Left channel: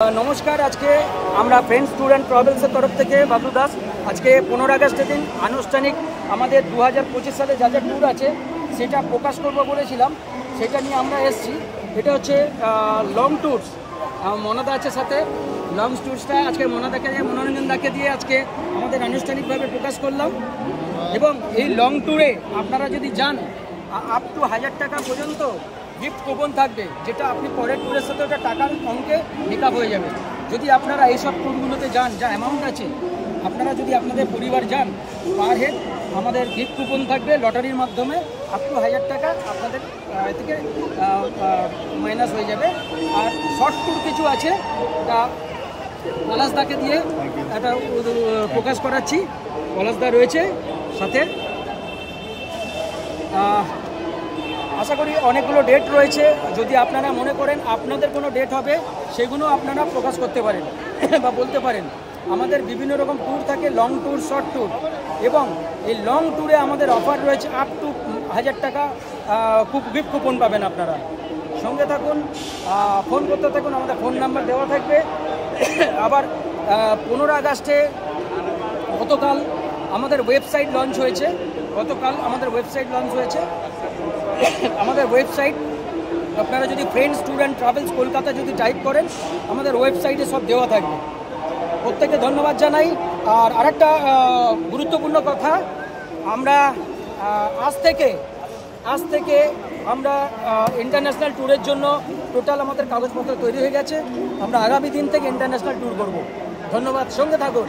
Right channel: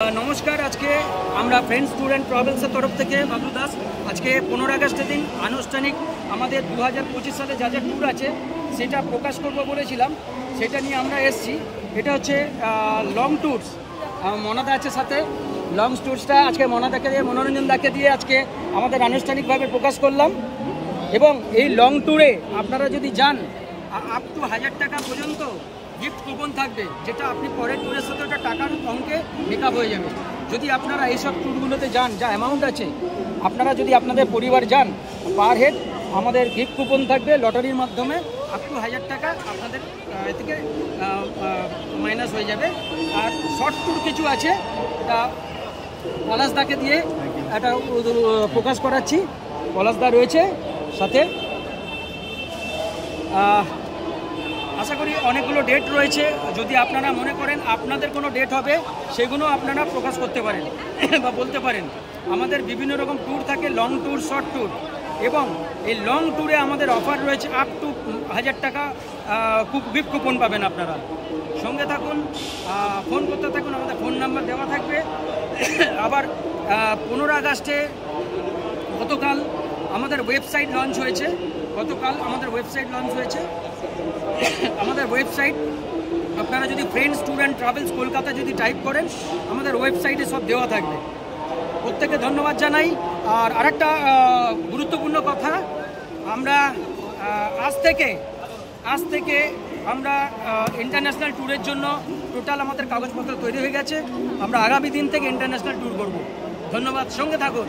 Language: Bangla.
नमस्कार आज के আমরা फ्रेंड्स टूर एंड ट्रैवल्सের तरफ থেকে বাবলু দাস आज के 15 আগস্টের দিন আনুষ্ঠানিক আমাদের 2025 সালে যা যা ট্যুর আছে সেটা প্রকাশ করব বলেছিলাম সেটা নিয়ে আমরা এসেছি। এটা হচ্ছে লং ট্যুরস, মনাদা আছে সাথে। লং ট্যুরসটা আজকে মনাদাকে দিয়ে মনোরঞ্জন দাকে দিয়ে আজকে আমাদের আনুষ্ঠানিকভাবে প্রকাশ করলাম। এবং এই লং ট্যুরে আপনারা যদি যান আপ টু 1000 টাকা পর্যন্ত গিফট কুপন থাকবে, যেটা আপনি পরের ট্যুরের সাথে ওটা টাকার অঙ্কে মেকআপ হয়ে যাবে। যদি আপনারা এইসব ট্যুরগুলোতে যান, যা অ্যামাউন্ট আছে, আপনারা যদি আপনাদের পরিবার যান, পার হেড আমাদের গিফট কুপন থাকবে লটারির মাধ্যমে আপ টু 1000 টাকা আপনাদের থেকে মাইনাস হয়ে যাবে। আর শর্ট ট্যুর কিছু আছে, তা পলাশদাকে দিয়ে এটা প্রকাশ করাচ্ছি। পলাশদা রয়েছে সাথে। আশা করি অনেকগুলো ডেট রয়েছে, যদি আপনারা মনে করেন আপনাদের কোনো ডেট হবে সেগুলো আপনারা প্রকাশ করতে পারেন বা বলতে পারেন। আমাদের বিভিন্ন রকম ট্যুর থাকে, লং ট্যুর, শর্ট ট্যুর। এবং এই লং ট্যুরে আমাদের অফার রয়েছে আপ টু 1000 টাকা গিফট কুপন পাবেন আপনারা। সঙ্গে থাকুন, ফোন করতে থাকুন, আমাদের ফোন নাম্বার দেওয়া থাকবে। আবার 15 আগস্টে গতকাল আমাদের ওয়েবসাইট লঞ্চ হয়েছে। আমাদের ওয়েবসাইট আপনারা যদি friends tour and travels Kolkata যদি টাইপ করেন, আমাদের ওয়েবসাইটে সব দেওয়া থাকবে। প্রত্যেকে ধন্যবাদ জানাই। আর আরেকটা গুরুত্বপূর্ণ কথা, আমরা আজ থেকে আমরা ইন্টারন্যাশনাল ট্যুরের জন্য টোটাল আমাদের কাগজপত্র তৈরি হয়ে গেছে। আমরা আগামী দিন থেকে ইন্টারন্যাশনাল ট্যুর করব। ধন্যবাদ, সঙ্গে থাকুন।